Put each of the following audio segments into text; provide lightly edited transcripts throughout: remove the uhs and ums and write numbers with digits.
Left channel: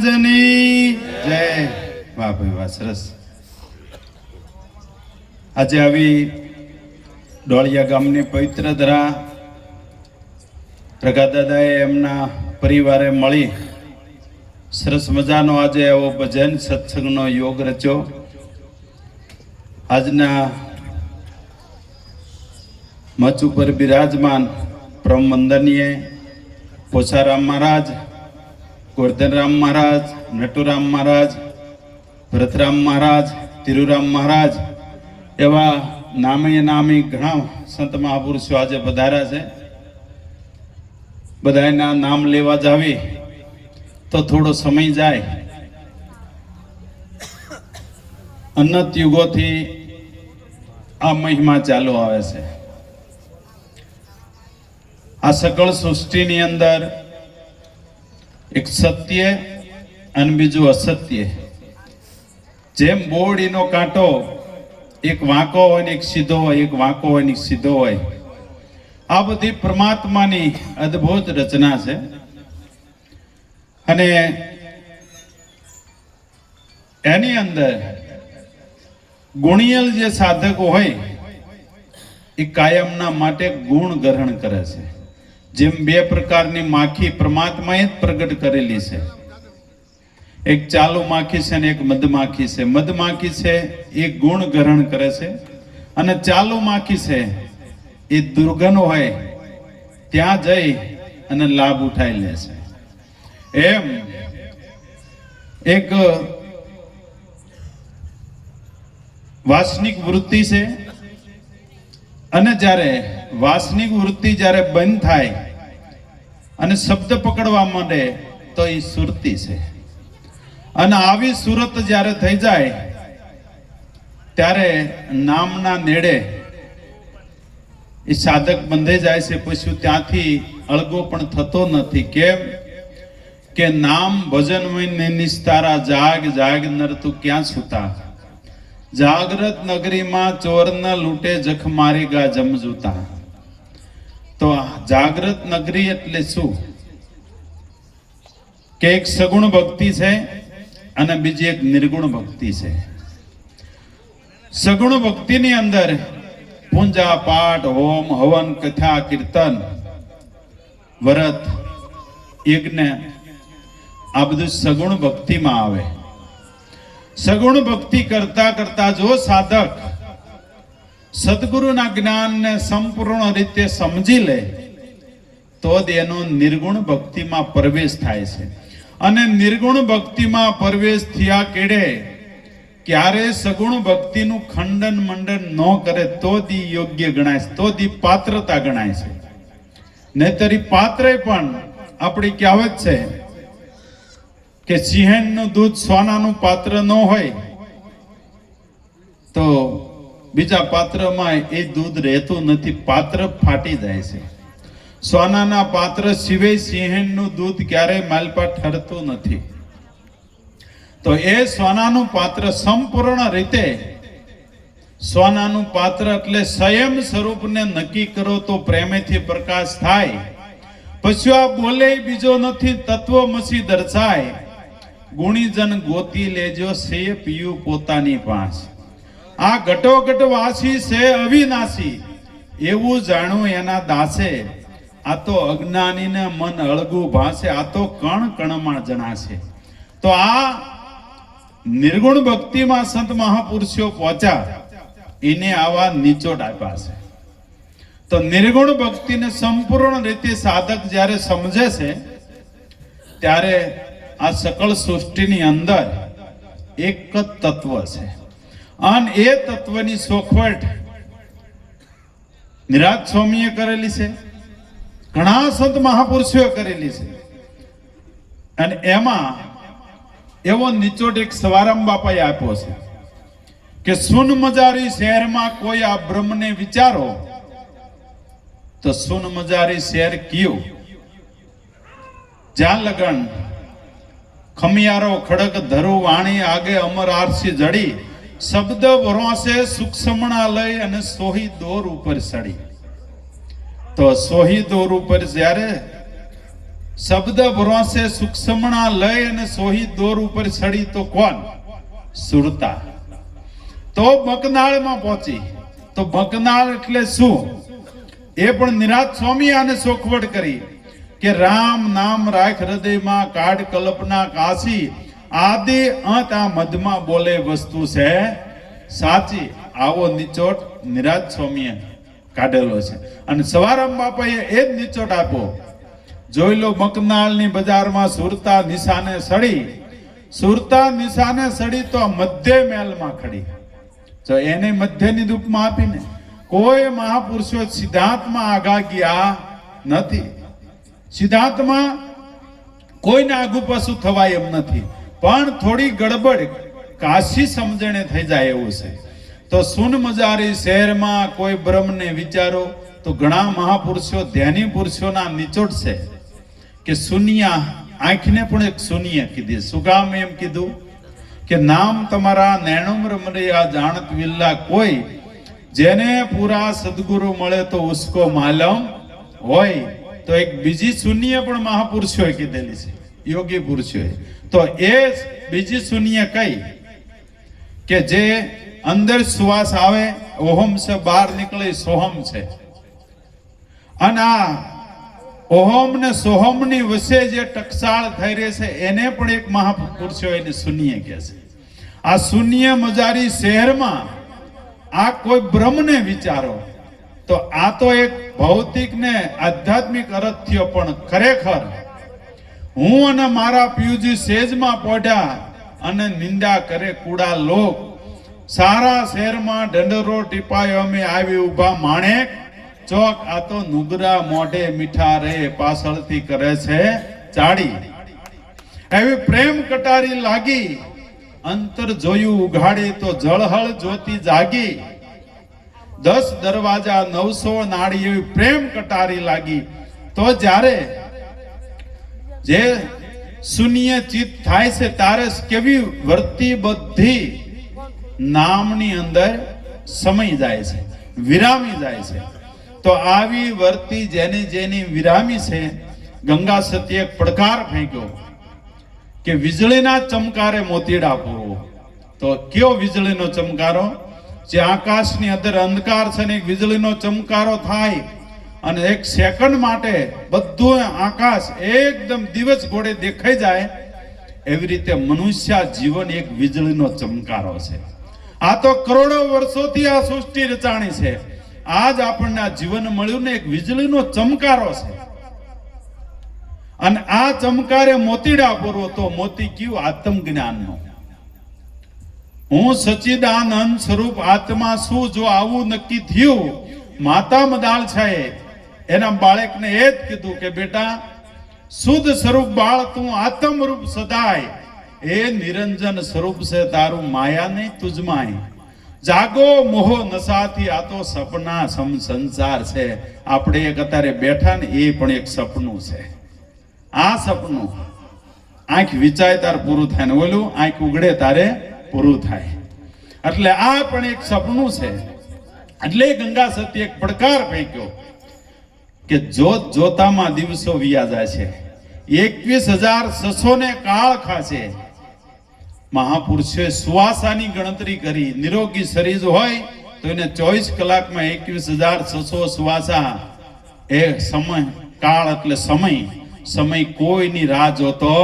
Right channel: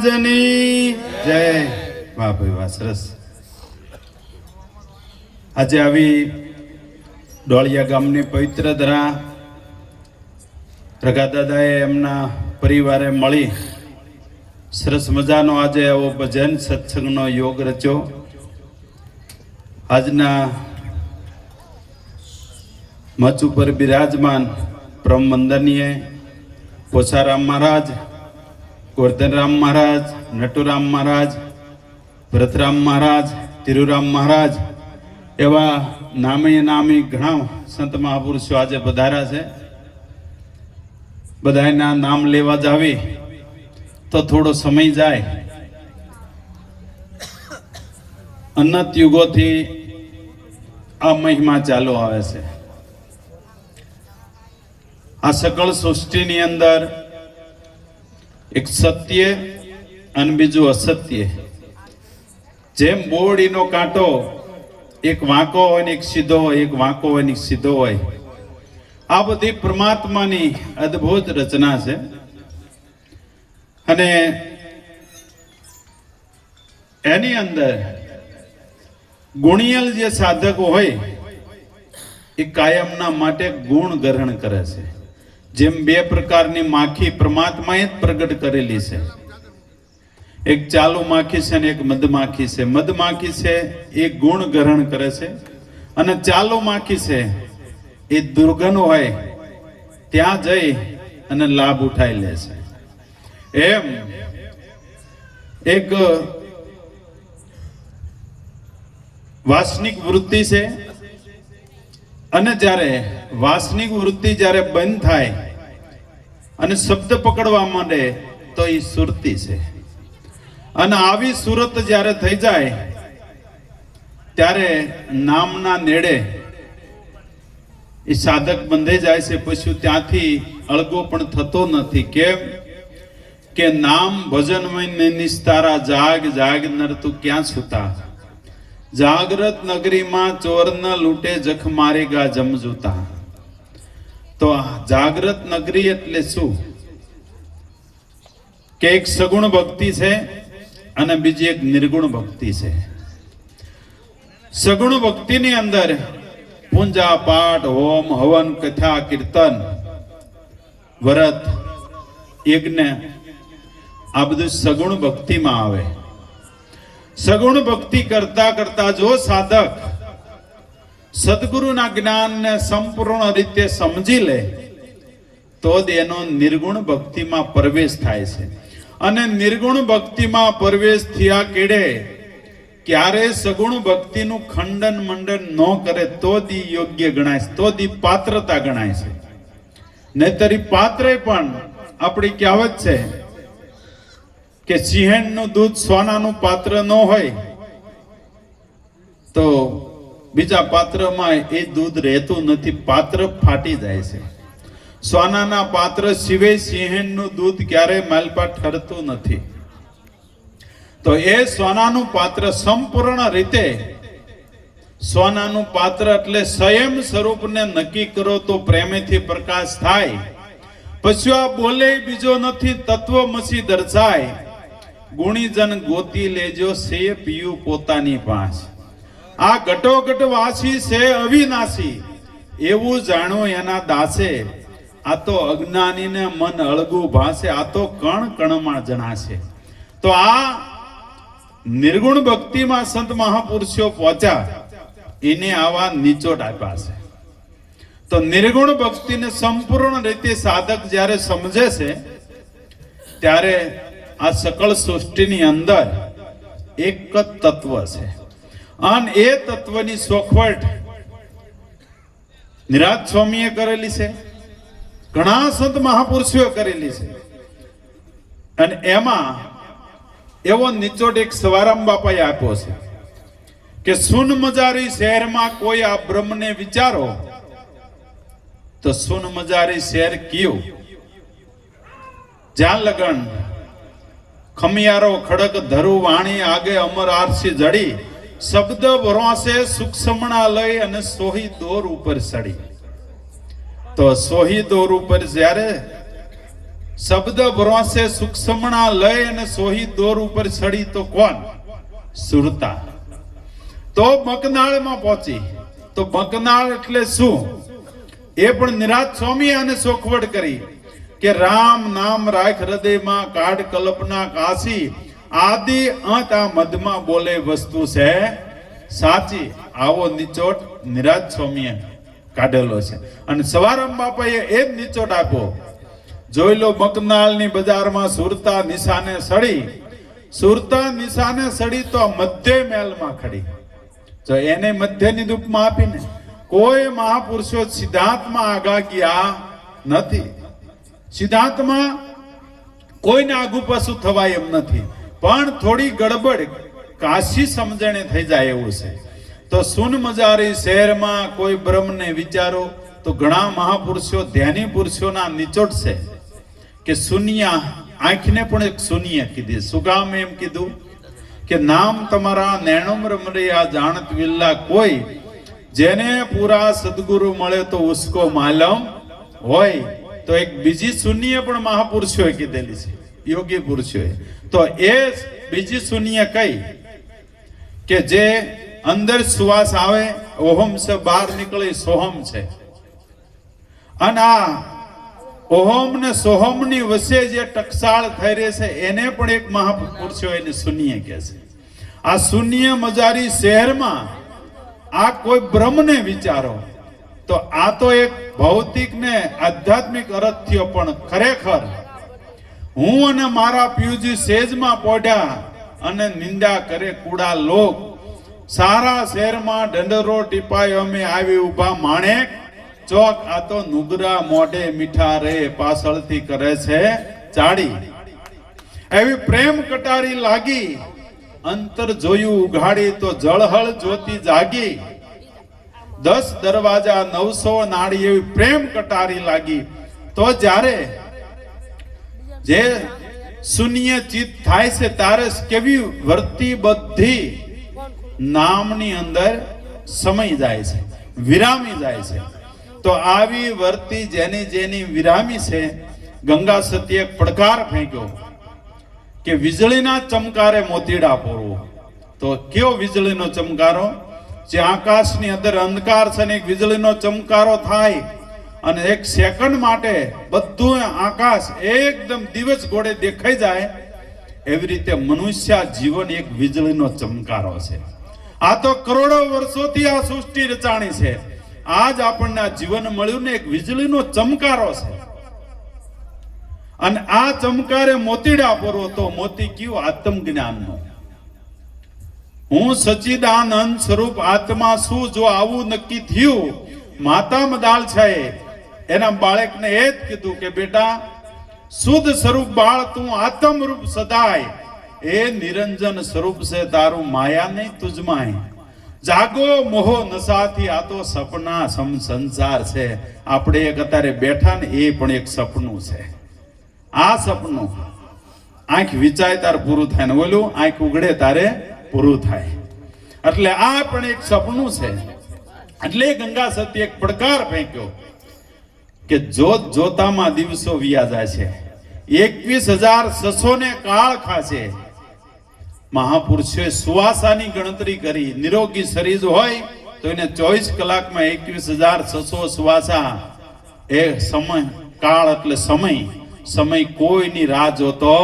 મહારાજની જય. વાહ ભાઈ વાહ, સરસ. આજે આવી ડોળિયા ગામની પવિત્ર ધરા પ્રગાદાદાએ એમના પરિવારે મળી સરસ મજાનો આજે આવો ભજન સત્સંગનો યોગ રચ્યો. આજના મંચ ઉપર બિરાજમાન પરમ વંદનીય પોછારામ મહારાજ, ગોરધનરામ મહારાજ, નટુરામ મહારાજ, ભરતરામ મહારાજ, તિરુરામ મહારાજ એવા નામે નામી ઘણા સંત મહાપુરુષો આજે પધાર્યા છે. બધાના નામ લેવા જાવી તો થોડો સમય જાય. અનંત યુગોથી આ મહિમા ચાલુ આવે છે. આ સકળ સૃષ્ટિની અંદર એક સત્ય અને બીજું અસત્ય. જેમ બોરડીનો કાંટો એક વાંકો હોય ને એક સીધો હોય, એક વાંકો હોય ને એક સીધો હોય, આ બધી પરમાત્માની અદ્ભુત રચના છે. અને એની અંદર ગુણિયલ જે સાધકો હોય એ કાયમના માટે ગુણ ગ્રહણ કરે છે. જેમ બે પ્રકારની માખી પરમાત્માએ જ પ્રગટ કરેલી છે. એક ચાલુ માખી છે અને એક મધમાખી છે. મધમાખી છે એ ગુણ ગ્રહણ કરે છે અને ચાલુ માખી છે એ દુર્ગન હોય ત્યાં જઈ અને લાભ ઉઠાઈ લે છે. એમ એક વાસનિક વૃત્તિ છે અને જ્યારે વાસનિક વૃત્તિ જ્યારે બંધ થાય અને શબ્દ પકડવા માંડે તો એ સુરતી છે. અને આવી સુરત જ્યારે થઈ જાય ત્યારે નામના નેડે એ સાધક બંધાઈ જાય છે. પછી ત્યાંથી અળગો પણ થતો નથી. કેમ કે નામ ભજન નિસ્તારા જાગ જાગ નર તું ક્યાં સુતા, જાગ્રત નગરીમાં ચોર ન લૂંટે જખ મારેગા જમજૂતા. તો જાગ્રત નગરી એટલે શું કે એક સગુણ ભક્તિ છે અને બીજી એક નિર્ગુણ ભક્તિ છે. સગુણ ભક્તિની અંદર પૂજા પાઠ હોમ હવન કથા કીર્તન વ્રત યજ્ઞ આ બધું સગુણ ભક્તિમાં આવે. સગુણ ભક્તિ કરતા કરતા જો સાધક સદગુરુના જ્ઞાનને સંપૂર્ણ રીતે સમજી લે તો જ એનો નિર્ગુણ ભક્તિમાં પ્રવેશ થાય છે. અને નિર્ગુણ ભક્તિમાં પ્રવેશ થયા કેડે ક્યારે સગુણ ભક્તિનું ખંડન મંડન ન કરે તો જ યોગ્ય ગણાય છે, તો જ પાત્રતા ગણાય છે. નહીતર પાત્રે પણ આપણી કહેવત છે કે સિંહણનું દૂધ સોનાનું પાત્ર ન હોય તો બીજા પાત્રમાં એ દૂધ રહેતું નથી, પાત્ર ફાટી જાય છે. સોનાના પાત્ર સિવાય સિંહણનું દૂધ ક્યારેય માલપા ઠરતું નથી. તો એ સોનાનું પાત્ર સંપૂર્ણ રીતે સોનાનું પાત્ર એટલે સ્વયં સ્વરૂપને નક્કી કરો તો પ્રેમેથી પ્રકાશ થાય. પછી આ બોલે બીજો નથી, તત્વમસી દર્શાય. ગુણીજન ગોતી લેજો સે પીયું પોતાની પાંચ. આ ઘટોઘટ વાસી છે અવિનાશી, એવું જાણો એના દાસે. આ તો અજ્ઞાનીને મન અળગું ભાસે, આ તો કણ કણમાં જણાશે. તો આ નિર્ગુણ ભક્તિમાં સંત મહાપુરુષો પહોંચ્યા, એને આવા નિચોડ આપ્યા છે. તો નિર્ગુણ ભક્તિને સંપૂર્ણ રીતે સાધક જ્યારે સમજે છે ત્યારે આ સકળ સૃષ્ટિની અંદર એક જ તત્વ છે. અને એ તત્વની સોખવટ નિરાજ સ્વામીએ કરેલી છે, ઘણા સંત મહાપુરુષોએ કરેલી છે. અને એમાં એવો નિચોડ એક સવારામ બાપાએ આપ્યો છે કે સુન મજારી શહેરમાં કોઈ આ બ્રહ્મને વિચારો તો સુન મજારી શહેર કયું, જ્યાં લગન ખમિયારો ખડક ધરુ વાણી આગે અમર આરસી જડી, શબ્દ ભરવાશે સૂક્ષ્મણા લઈ અને સોહી દોર ઉપર સડી. તો સોહી દોર ઉપર જ્યારે શબ્દ ભરોસે સૂક્ષ્મણા લય અને સોહી દોર ઉપર ચડી તો કોણ? સુરતા. તો બકનાળમાં પહોંચી. તો બકનાળ એટલે શું? એ પણ નિરાત સ્વામી આને સોખવડ કરી કે રામ નામ રાખ હૃદયમાં, કાઢ કલ્પના કાશી, આદિ અંત આ મધમાં બોલે વસ્તુ છે સાચી. આવો નિચોટ નિરાત સ્વામીએ કાઢેલો છે અને સવારામ બાપાએ એ જ નિચોટ આપ્યો. જોઈ લો, બકનાળની બજારમાં સુરતા નિશાને સડી. સુરતા નિશાને સડી તો મધ્ય મહેલમાં ખડી. તો એને મધ્યની રૂપમાં આપીને કોઈ મહાપુરુષો સિદ્ધાંતમાં આગા ગયા નથી. સિદ્ધાંતમાં કોઈને આગુ પાછું થવાય એમ નથી, પણ થોડી ગડબડ કાશી સમજણે થઈ જાય એવું છે. તો સુન મજારી શહેરમાં કોઈ બ્રહ્મને વિચારો તો ઘણા મહાપુરુષો ધ્યાની પુરુષોના નિચોડ છે કે શૂન્ય આંખને પણ એક શૂન્ય કીધી. શું કામ એમ કીધું કે નામ તમારા નૈણમ રમરિયા જાણત વિલ્લા, કોઈ જેને પૂરા સદગુરુ મળે તો ઉસકો માલમ હોય. તો એક બીજી શૂન્ય પણ મહાપુરુષોએ કીધેલી છે, યોગી પુરુષોએ. તો એ બીજી શૂન્ય કઈ કે જે અંદર શ્વાસ આવે ઓહમ છે, બહાર નીકળે સોહમ છે. અને આ ઓહમ ને સોહમ ની વચ્ચે જે ટકસાળ થઈ રહી છે એને પણ એક મહાપુરુષો એની શૂન્ય કહે છે. આ શૂન્ય મજારી શહેરમાં આ કોઈ બ્રહ્મને વિચારો તો આ તો એક ભૌતિક ને આધ્યાત્મિક અર્થ થયો, પણ ખરેખર હું અને મારા પિયુજી સેજમાં પોઢ્યા અને નિંદા કરે કુડા લોક. સારા શહેરમાં ઢંઢરો ટીપાયો અમે આવી ઉભા માણેક ચોક. આ તો નુગરા મોઢે મીઠા રે પાછળથી કરે છે ચાડી. એવી પ્રેમ કટારી લાગી, અંતર જોયું ઉઘાડી તો જળહળ જ્યોતિ જાગી. 10 દરવાજા 900 નાળી એવી પ્રેમ કટારી લાગી. તો જ્યારે જે શૂન્ય ચિત્ત થાય છે ત્યારે કેવી વર્તી બધી નામની અંદર સમય જાય છે, વિરામી જાય છે. તો આવી વર્તી જેની જેની વિરામી છે, ગંગા સતીએ પડકાર ફેંક્યો કે વીજળીના ચમકારે મોતીડા પૂરવો. તો કયો વીજળીનો ચમકારો? જે આકાશની અંદર અંધકાર છે ને એક વીજળીનો ચમકારો થાય અને એક સેકન્ડ માટે બધું આકાશ એકદમ દિવસ ઘોડે દેખાઈ જાય, એવી રીતે મનુષ્ય જીવન એક વીજળીનો ચમકારો છે. આ તો કરોડો વર્ષોથી આ સૃષ્ટિ રચાણી છે. આજ આપણને આ જીવન મળ્યું ને એક વીજળીનો ચમકારો છે. અને આ ચમકારે મોતીડા પૂરવો. તો મોતી કયું? આત્મ જ્ઞાનનો. હું સચ્ચિદાનંદ સ્વરૂપ આત્મા શું. જો આવું નક્કી થયું, માતા મદાલ છે એના બાળકને એ જ કીધું કે બેટા શુદ્ધ સ્વરૂપ બાળ તું આત્મ રૂપ સદાય, એ નિરંજન સ્વરૂપ છે તારું માયા નહીં તુજમાય. જાગો મોહો નશાથી, આ તો સપના સમ સંસાર છે. આપણે એક અત્યારે બેઠા ને એ પણ એક સપનું છે. આ સપનું આંખ વિચાય તાર પૂરું થાય ને ઓલું આંખ ઉગડે તારે પૂરું થાય. એટલે આ પણ એક સપનું છે. એટલે ગંગા સતી એક પડકાર ફેંક્યો કે જોત જોતામાં દિવસો વિયા જાય છે. 21,600 ને કાળ ખાશે. મહાપુરુષોએ સુવાસાની ગણતરી કરી. નિરોગી શરીર હોય તો એને 24 કલાકમાં 21,600 સુવાસા. એ સમય કાળ એટલે સમય કોઈની રાહ જોતો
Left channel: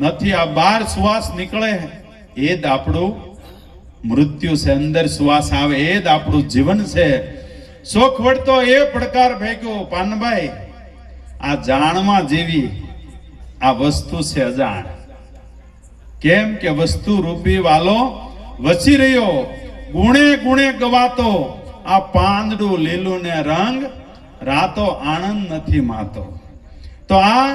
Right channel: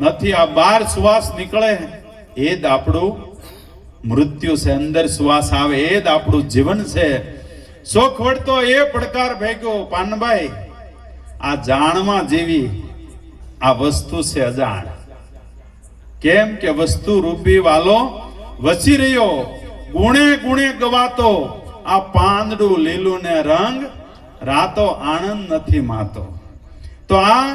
નથી. આ 12 શ્વાસ નીકળે એ જ આપણું મૃત્યુ છે. અંદર શ્વાસ આવે એ જ આપણું જીવન છે. શોખ વળતો એ પડકાર ફેંક્યો. પાનભાઈ, આ જાણવા જેવી આ વસ્તુ છે અજાણ. કેમ કે વસ્તુ રૂપી વાલો વસી રહ્યો, ગુણે ગુણે ગવાતો. આ પાંદડું લીલું ને રંગ રાતો આનંદ નથી માતો. તો આ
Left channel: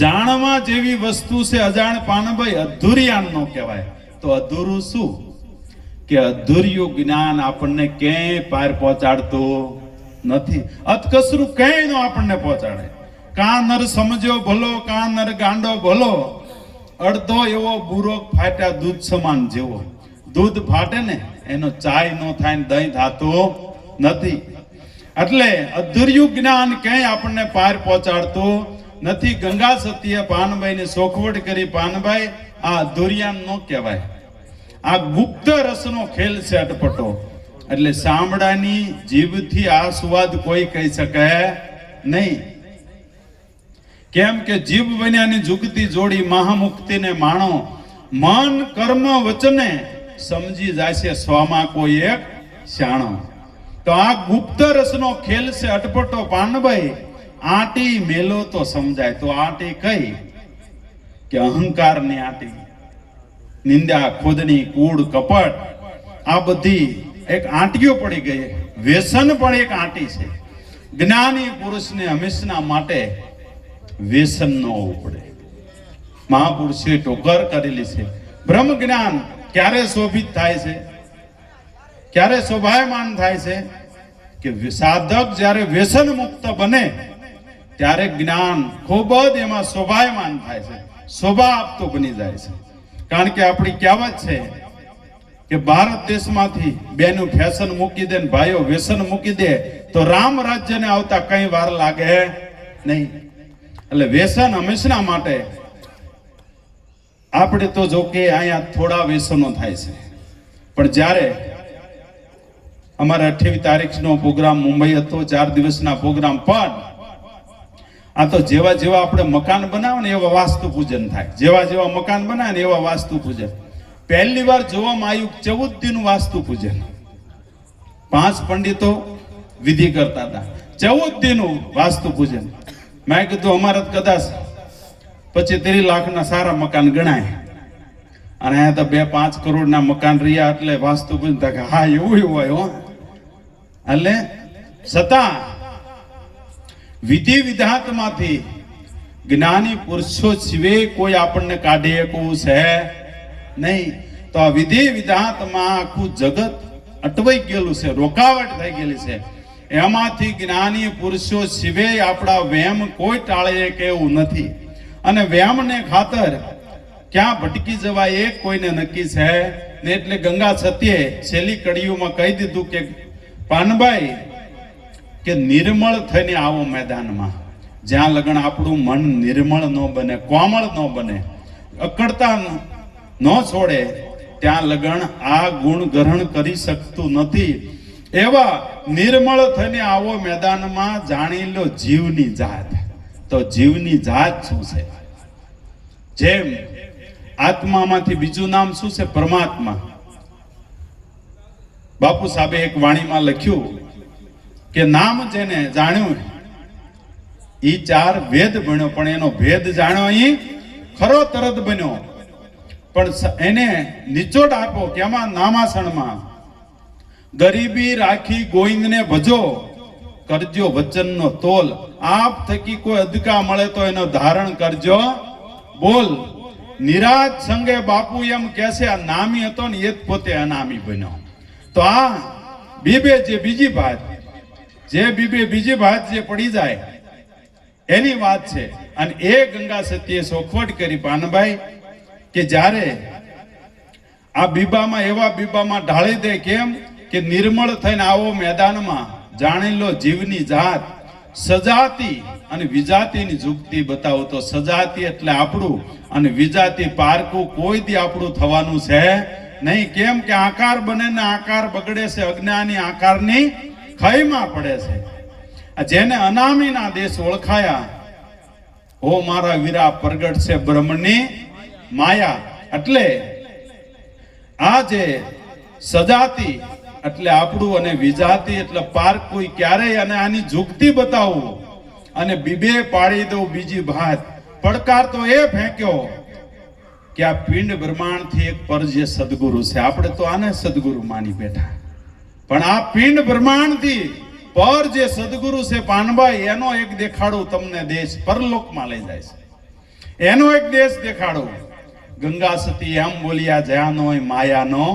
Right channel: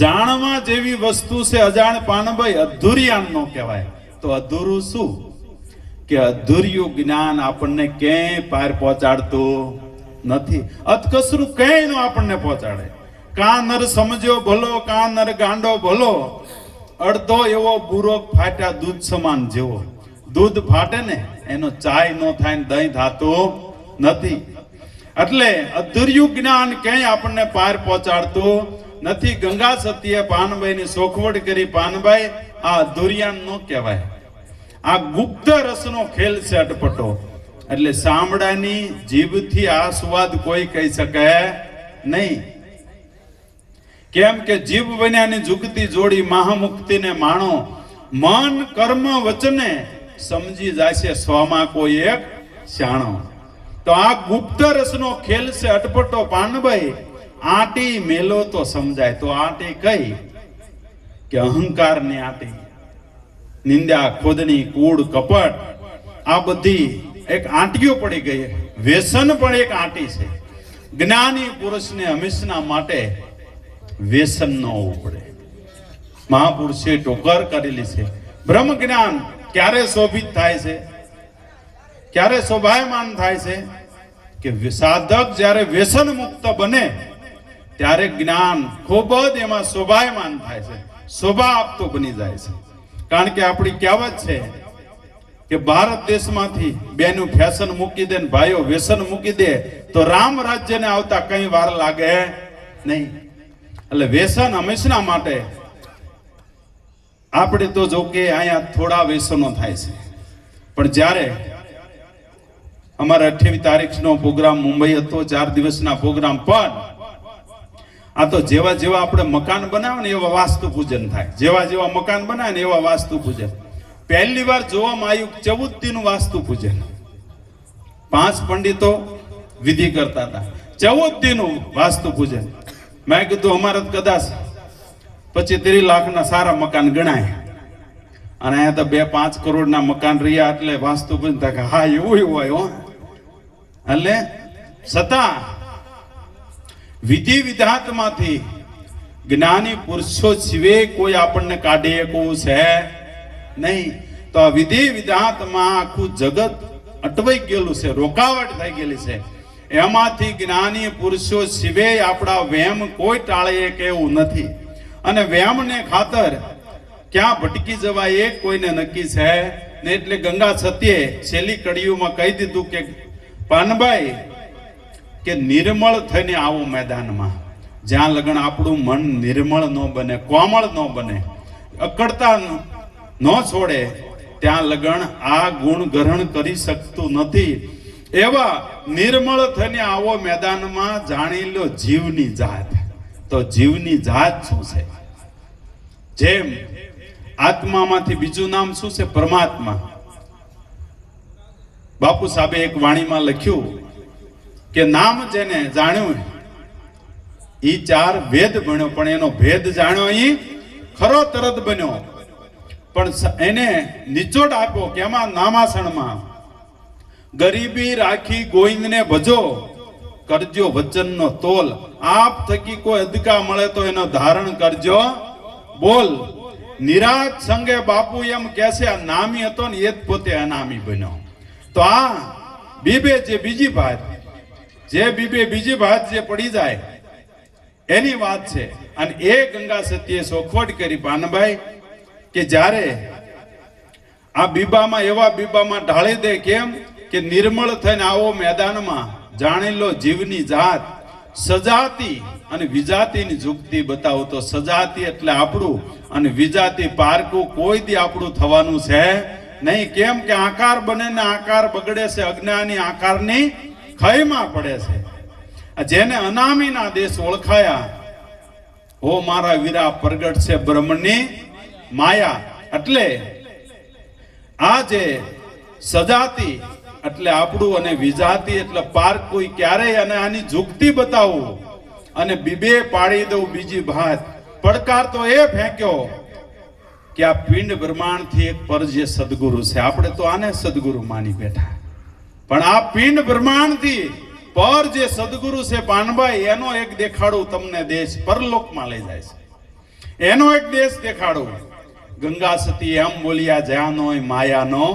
જાણવા જેવી વસ્તુ છે અજાણ. પાનભાઈ અધૂરિયાન નો કહેવાય. તો અધૂરું શું? કે અધૂર્યું જ્ઞાન આપણને ક્યાંય પાર પહોંચાડતું નથી. અતકસરું ક્યાંય નો આપણને પહોંચાડે. કા નર સમજ્યો ભલો, કા નર ગાંડો ભલો. અડધો એવો બુરો ફાટ્યા દૂધ સમાન જેવો. દૂધ ફાટે ને એનો ચાય નો થાય ને દહીં થાતું નથી. એટલે અધૂર્યું જ્ઞાન ક્યાંય આપણને પાર પહોંચાડતું નથી ગંગા સતીએ પાનબાઈની સોખવટ કરી. પાનબાઈ આ અધુરિયાન નો કહેવાય, આ ગુપ્ત રસનો ખેલ છે અટપટો. એટલે સાંભળાની જીભથી આ સ્વાદ કોઈ કહી શકે નહીં. કેમ કે જીભ બન્યાની જુગતી જોડી મહામુક્તિને માણો. મન કર્મ વચને સમજી જાય છે સ્વમાં કોઈ એક શાણો. તો આ ગુપ્ત રસનો ખેલ છે અટપટો. પાનભાઈ આંટી મેલો તો સમજાય. તો આંટી કઈ કે અહંકારની આંટી, નિંદા ખોદણી કૂડ કપટ આ બધી એક આંટીઓ પડી ગઈ. વ્યસન પણ એક આંટી છે. જ્ઞાની પુરુષને હંમેશા માટે વ્યસન ન હોવું પડે. મહાપુરુષે ટોકર કરેલી છે. બ્રહ્મ જ્ઞાન ક્યારે શોભિત થાય છે, ક્યારે શોભાયમાન થાય છે કે સાધક જ્યારે વ્યસન મુક્ત બને ત્યારે જ્ઞાન ખૂબ જ એમાં શોભાયમાન થાય છે, શોભા આપતો બની જાય છે. કારણ કે આપણી કહેવત છે કે ભારત દેશમાંથી બેનું ફેશન મૂકી દે ને ભાઈઓ વ્યસન મૂકી દે તો રામ રાજ્યને આવતા કઈ વાર લાગે નહીં. એટલે વ્યસન હંમેશા માટે આપણે તો જો કે અહીંયા થોડા વ્યસનો થાય છે, પણ જ્યારે અમારા 28 તારીખનો પ્રોગ્રામ મુંબઈ હતો, 4 દિવસના પ્રોગ્રામ. પણ આ તો જેવા જેવા આપણે મકાન બનાવે ને એવા વાસ્તુ પૂજન થાય. જેવા જેવા મકાન બનાવે ને એવા વાસ્તુ પૂજન. પહેલી વાર જોવામાં આવ્યું 14 દિન વાસ્તુ પૂજન. 5 પંડિતો વિધિ કરતા હતા. 14 દિન વાસ્તુ પૂજન. મેં કીધું અમારે કદાચ 25-30 લાખના સારા મકાન ગણાય અને અહીંયા તો 2-5 કરોડના મકાન રહ્યા એટલે વાસ્તુ પૂજન થાય. હા એવું હોય હો. એટલે છતાં વિધિ વિધાનમાંથી જ્ઞાની પુરુષો સિવાય કોઈ આપણને કાઢી શકવું છે નહીં. તો આ વિધિ વિધાનમાં આખું જગત અટવાઈ ગયેલું છે, રોકાવટ થઈ ગયેલી છે. એમાંથી જ્ઞાની પુરુષો સિવાય આપણા વહેમ કોઈ ટાળે કે એવું નથી. અને વહેમને ખાતર ક્યાં ભટકી જવાય એ કોઈને નક્કી છે ને. એટલે ગંગા સતીએ છેલ્લી કડીઓમાં કહી દીધું કે પાનભાઈ કે નિર્મળ થઈને આવો મેદાનમાં. જ્યાં લગન આપણું મન નિર્મળ ન બને, કોમળ ન બને, અકડતા ન છોડે ત્યાં લગન આ ગુણ ગ્રહણ કરી શકતું નથી. એવા નિર્મળ થઈને આવો મેદાનમાં. જાણી લો જીવની જાત. તો જીવની જાત શું છે? જેમ આત્મામાંથી બીજું નામ શું છે? પરમાત્મા. બાપુ સાહેબે એક વાણીમાં લખ્યું કે નામ જેને જાણ્યું એ 4 વેદ ભણ્યો, પણ એનો ભેદ જાણ્યો અહીં ખરો તરત બન્યો. પણ એને નિચોડ આપો કે આમાં નામાસણમાં ગરીબી રાખી ગોવિંદને ભજો, કરજો વચનનો તોલ. આપ થકી કોઈ અદકા મળે તો એનો ધારણ કરજો બોલ. નિરાત સંગે બાપુ એમ કહેશે આ નામી હતો ને એ જ પોતે અનામી બન્યો. તો આ બીબે જે બીજી વાત, જે બીબે બીજી વાત જે પડી જાય એની વાત છે. અને એ ગંગા સતીએ સોખવટ કરી પાનભાઈ કે જ્યારે આ બીબામાં એવા બીબામાં ઢાળી દે. કેમ કે નિર્મળ થઈને આવો મેદાનમાં. જાણી લો જીવની જાત. સજાતી અને વિજાતિની જુગતી બતાવો. તો સજાતી એટલે આપણું અને વિજાતિ પારકું કોઈ દી આપણું થવાનું છે નહીં. કેમ કે આકાર બને ને આકાર બગડે છે. અજ્ઞાની આકારની ખયમાં પડે છે. જેને અનામીના દેશ ઓળખાયા, હો મારા વીરા પ્રગટ છે બ્રહ્મની માયા. એટલે આ જે સજાતી એટલે આપણું અને વિજાતી એટલે પારકું ક્યારેય. અને આની જુગતી બતાવું અને બીબે પાડી દઉં બીજી ભાત. પડકાર તો એ ફેંક્યો કે આ પિંડ બ્રહ્માંડથી એક પર જે સદગુરુ છે. આપણે તો આને સદગુરુ માની બેઠા, પણ આ પિંડ બ્રહ્માંડથી પર જે સદગુરુ છે પાનભાઈ, એનો એક દેખાડું તમને દેશ પરલોકમાં લઈ જાય છે. એનો એક દેશ દેખાડું. ગંગા સતી એમ બોલ્યા જ્યાં નો માયાનો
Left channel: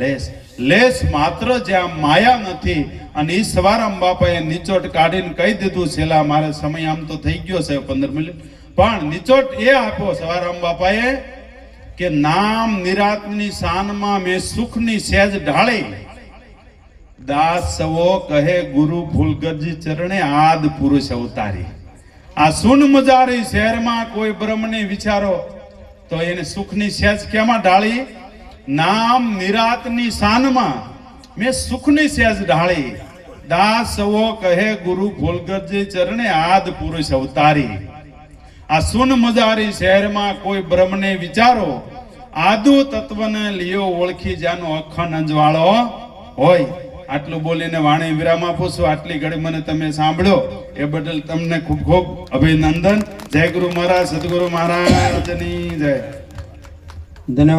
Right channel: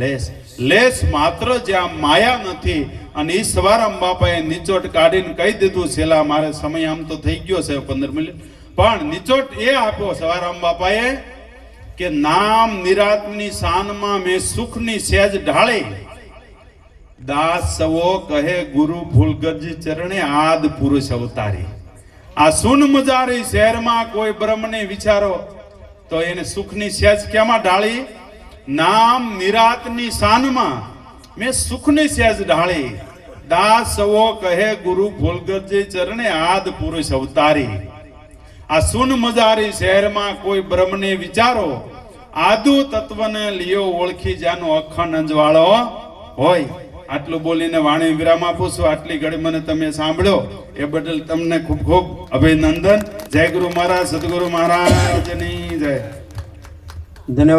લેશ. લેશ માત્ર જ્યાં માયા નથી. અને ઈ સવારામ બાપાએ નિચોટ કાઢીને કહી દીધું. છેલ્લા મારે સમય આમ તો થઈ ગયો છે 15 મિનિટ, પણ નિચોટ એ આપો સવારામ બાપાએ કે નામ નિરાતની શાનમાં મેં સુખની સેજ ઢાળી. દાસ સવો કહે ગુરુ ભૂલગરજી ચરણે આદ પુરુષ અવતારી. આ સુન મજારી શહેરમાં કોઈ બ્રહ્મને વિચારો તો એને સુખની સેજ કેમાં ઢાળી? નામ નિરાતની શાનમાં મેં સુખની સેજ ઢાળી. દાસ સવો કહે ગુરુ ફૂલગરજે ચરણે આદ પુરુષ અવતારી. આ સુન મજારી શહેરમાં કોઈ બ્રહ્મને વિચારો, આદુ તત્વને લિયો ઓળખી જાનો અખંડ અંજવાળો હોય. આટલું બોલીને વાણી વિરામ આપું છું. આટલી ઘડી મને તમે સાંભળ્યો એ બદલ તમને ખૂબ ખૂબ અભિનંદન. જય ગુરુ મહારાજ, સદગુરુ મહારાજની જય. ધન્યવાદ.